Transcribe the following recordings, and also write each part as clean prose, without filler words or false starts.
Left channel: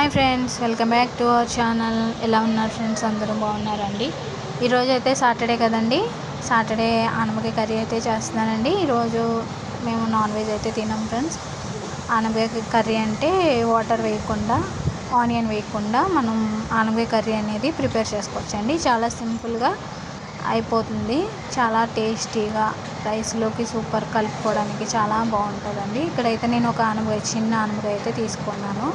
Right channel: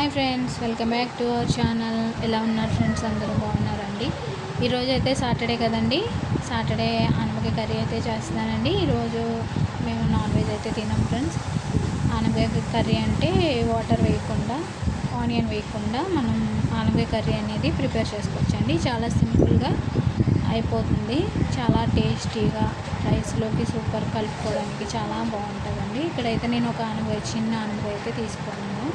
Hi friends, welcome back to our channel. ఎలా ఉన్నారు friends? అందరూ బాగున్నారండి. ఈరోజు అయితే సాటర్డే కదండి. సాటర్డే ఆనపకాయ కర్రీ అయితే చేస్తున్నానండి. ఈరోజు మేము నాన్ వెజ్ అయితే తినాం ఫ్రెండ్స్. ఆనపకాయ కర్రీ అంటే వాటర్ వేయకుండా, ఆనియన్ వేయకుండా మనం ఆనపకాయ కర్రీ అనేది ప్రిపేర్ చేసుకోవచ్చండి. చాలా సింపుల్గా అయిపోతుంది. చాలా టేస్టీగా రైస్లోకి సూపర్ కలుపుకోవడానికి చాలా బాగుంటుందండి. ఇక్కడైతే నేను ఒక చిన్న ఆనపకాయ అయితే తీసుకున్నాను.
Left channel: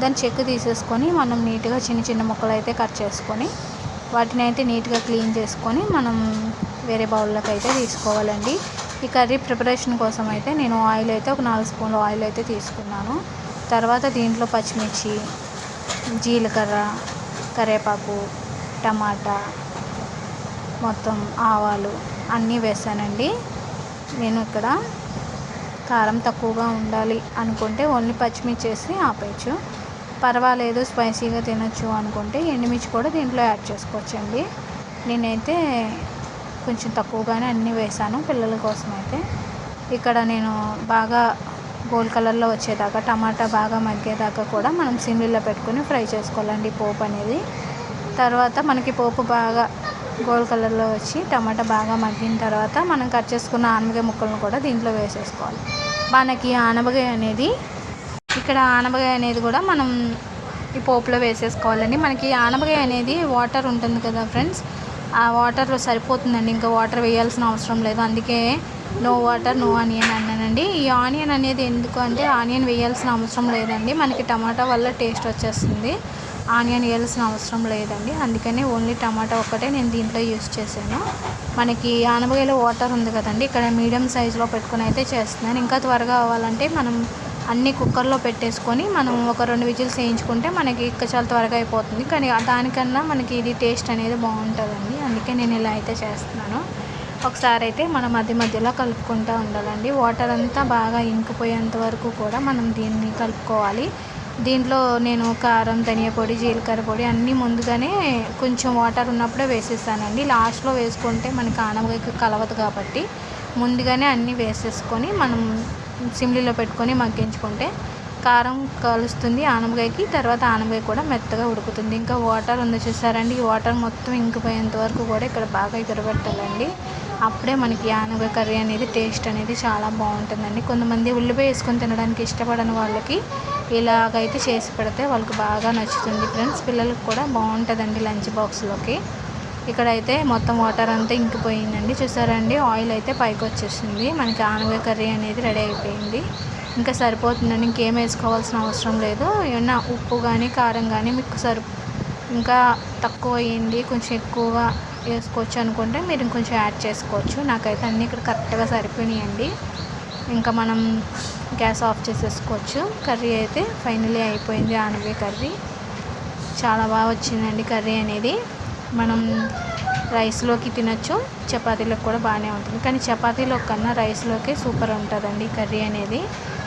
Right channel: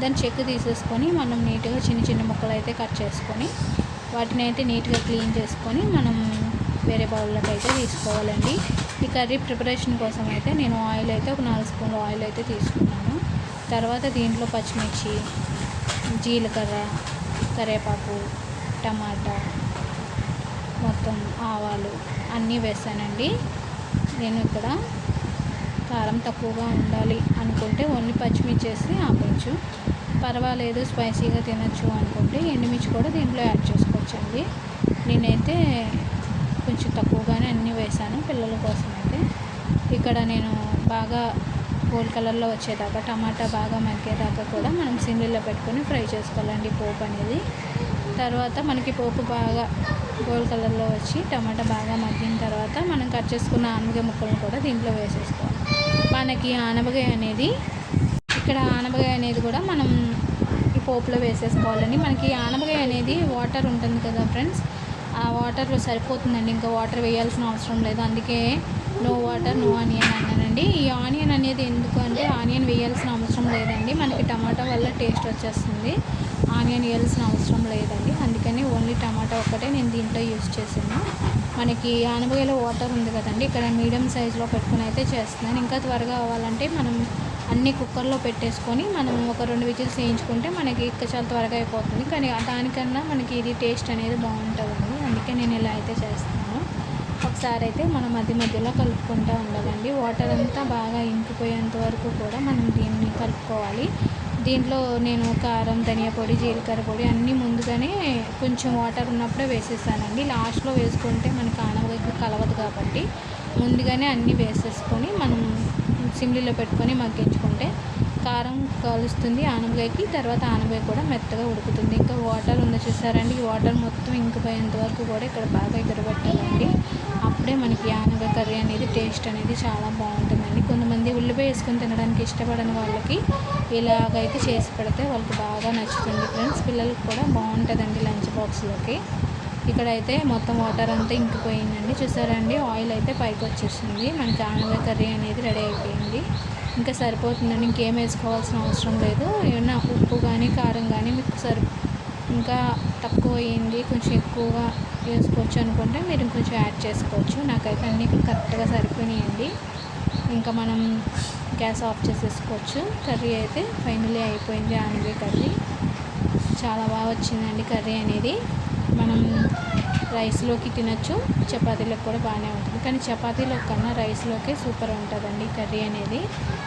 దాన్ని చెక్కు తీసేసుకొని మనం నీట్గా చిన్న చిన్న ముక్కలు అయితే కట్ చేసుకొని వాటిని అయితే నీట్గా క్లీన్ చేసుకొని మనం వేరే బౌల్లోకి అయితే తీసుకోవాలండి. ఈ కర్రీ ప్రిపరేషన్ కోసం అయితే నేను ఆయిల్ అయితే ఒక 4 స్పూన్ల ఆయిల్ అయితే తీసుకున్నాను. తర్వాత దీంట్లో పచ్చిమిర్చి, జీలకర్ర, కరివేపాకు, టమాటా, మొత్తం ఆవాలు అన్నీ వేసానండి. నేను ఇక్కడ కారం తక్కువగా ఉండాలి అనుకుంటే ఓన్లీ పచ్చిమిర్చి వేసి ఆపేయచ్చు. పర్వాలేదు స్పైసీగా తినచ్చు అనుకుంటే ఎండుమిర్చి కూడా దీంట్లో యాడ్ చేసుకోవచ్చండి. నేనైతే కొంచెం తక్కువగానే అన్నీ వేసాను పిల్లల కోసం అయితే. ఇక్కడ నేను బాగా గోల్డ్ కలర్లో వచ్చేదాకా, టమాటా బాగా మగ్గేదాకా కూడా మనం సిమ్లో పెట్టుకొని ఫ్రై చేసుకోవాలండి పోపు అనేది. తర్వాత మనకి పోపు బాగా గోల్డ్ కలర్లో వచ్చి టమాటా బాగా మగ్గిన తర్వాత మనం కట్ చేసుకున్న ఆనపకాయ ముక్కలను కూడా దీంట్లో వేసేసుకోవాలి. మనకి ఆనపకాయ అనేది కూడా మనం ఈ పోపులో వేసేసుకోవాలండి. మనకి ఆనపకాయ అనేది వాటర్ ఉంటుంది కదా ఫ్రెండ్స్, ఆ వాటర్లో సరిపోతుందండి. ఇంకా వాటర్ వేయాల్సిన అవసరం లేదు. అందుకే నో వాటర్ నో ఆనియన్ అన్నానండి. ఈ ఆనియన్ అనేది ఎందుకు అంటే ఆనియన్ వేయాల్సిన అవసరం లేదండి. మనకి టమాటా వల్ల టేస్ట్ వచ్చేస్తుంది. ఆనియన్ వేయాల్సిన అవసరం లేదండి. అందుకని ఓన్లీ టమాటా ఒక్కటే నేను దీంట్లో యూజ్ చేశాను. మనకి ఆనపకాయలో వాటర్ ఉంది కదండి, ఇక్కడ మీడియం సైజులో పెట్టుకుని అయితే చేస్తున్నాను. ఇంకా త్వరగా అవ్వాలంటే మనం అన్నీ కుక్కర్లో పెట్టేసుకొని మనం ఒక 2 విజిల్స్ వేయించుకుంటే మనకి ఇంకా చాలా త్వరగా అయిపోతుంది. కానీ దానికన్నా మనకి ఇది టేస్ట్ అనేది బాగుంటుందండి. అందుకే నేను ఇలా అయితే చేస్తున్నాను. ఒకసారి అయితే మనం మధ్యలో కలుపుకుంటూ ఉండాలండి. వాటర్ అంతా బాగా ఇంకిపోయేంత వరకు కూడా మనం దీన్ని కలుపుకోవాలి. దీంట్లో నేను కారం, ధనియా పొడి, జీలకర్ర పొడి అన్నీ ముందుగానే కొంచెం వాటర్ ఉన్నప్పుడే వేసేసానండి. లాస్ట్లో వేసుకుంటే మనకి ఆనపకాయకి కలవదు కాబట్టి ముందుగానే అన్నీ వేసేసుకొని మనం సిమ్లీలో పెట్టుకొని మగ్గించుకుంటే కారం కలుస్తుంది ఆనపకాయకి. తర్వాత ఆనపకాయ కూడా మెత్తగా ఉడుకుతుంది. ఇంకా వాటర్ ఉంది చూసారండి, ఈ వాటర్ మొత్తం ఇంకిపోయేంత వరకు కూడా ఇక్కడ బాగా ఎగరబెట్టాలండి. అప్పుడే మనకి ఆనపకాయ కర్రీ అనేది టేస్ట్ అనేది చాలా బాగుంటుందండి. కొంతమంది ఉల్లిపాయ వేసుకొని తినడానికి ఇష్టపడని వాళ్ళకి ఇలాగైతే చేసి పెడితే వాళ్ళకి బాగా నచ్చుతుంది ఫ్రెండ్స్. పిల్లలకు కూడా బాగుంటుందండి లంచ్ బాక్స్లోకి. ఇక్కడైతే మొత్తం వాటర్ అంతా ఇంకిపోయిందండి. చూసారండి, ఆయిల్ అయితే పైకి వచ్చేసింది. మనకి ఆనపకాయ కర్రీ అనేది రెడీ అయిపోయింది. ఇంకా సరిపోతుందండి, ఇంకేం వేసుకోవాల్సిన అవసరం లేదు. ఏమన్నా ఉప్పు కానీ కారం కానీ మీకు ఇంకా తక్కువ అయ్యింది, కొంచెం ఎక్కువగా వేసుకోవచ్చు అనుకుంటే మీరు ఇంకొంచెం యాడ్ చేసుకోవచ్చు. నాకైతే అన్నీ ఇక్కడ కరెక్ట్గా సరిపోయినాయండి. ఇంకా మనం గ్యాస్ ఆఫ్ చేసేసుకోవచ్చు. కర్రీ అయితే ఫైనలీ అయిపోయింది. ఆనపకాయ కర్రీ చాలా బాగా వచ్చిందండి. కర్రీ అనేది మనం రైస్లోకి తినచ్చు, చపాతీలోకి కూడా బాగానే ఉంటుంది. కానీ చపాతీలో కన్నా రైస్లోకి సూపర్ ఉంటుందండి కర్రీ అనేది.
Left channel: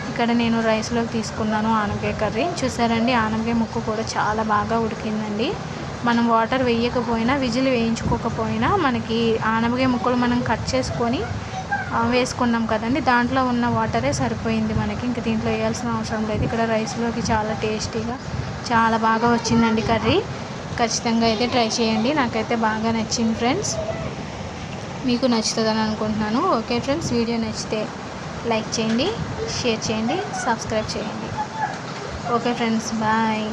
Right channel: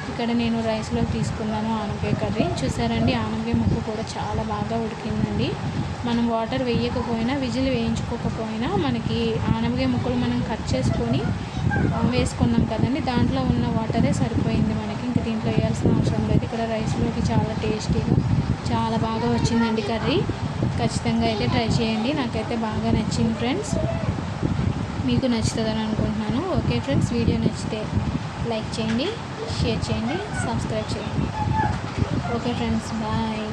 ఇక్కడ నేను రైస్లోకి తీసుకున్నాను ఆనపకాయ కర్రీ. చూసారండి, ఆనపకాయ ముక్క కూడా చాలా బాగా ఉడికిందండి. మనం వాటర్ వేయకపోయినా, విజిల్ వేయించుకోకపోయినా మనకి ఆనపకాయ ముక్కలు మనం కట్ చేసుకొని వేసుకున్నాం కదండి, దాంట్లో ఉన్న వాటరే సరిపోయింది మనకి. ఇంక దీంట్లో వేయాల్సిన అవసరం లేదు. ఇక్కడ రైస్లోకి చాలా టేస్టీగా చాలా బాగా వచ్చిందండి కర్రీ. ఖచ్చితంగా అయితే ట్రై చేయండి. నాకైతే బాగా నచ్చింది ఫ్రెండ్స్. మీకు నచ్చుతుందని అనుకుంటున్నాను. ఓకే ఫ్రెండ్స్, వీడియో నచ్చితే లైక్ చేయండి, షేర్ చేయండి, సబ్స్క్రైబ్ చేయండి. Okay friends, bye.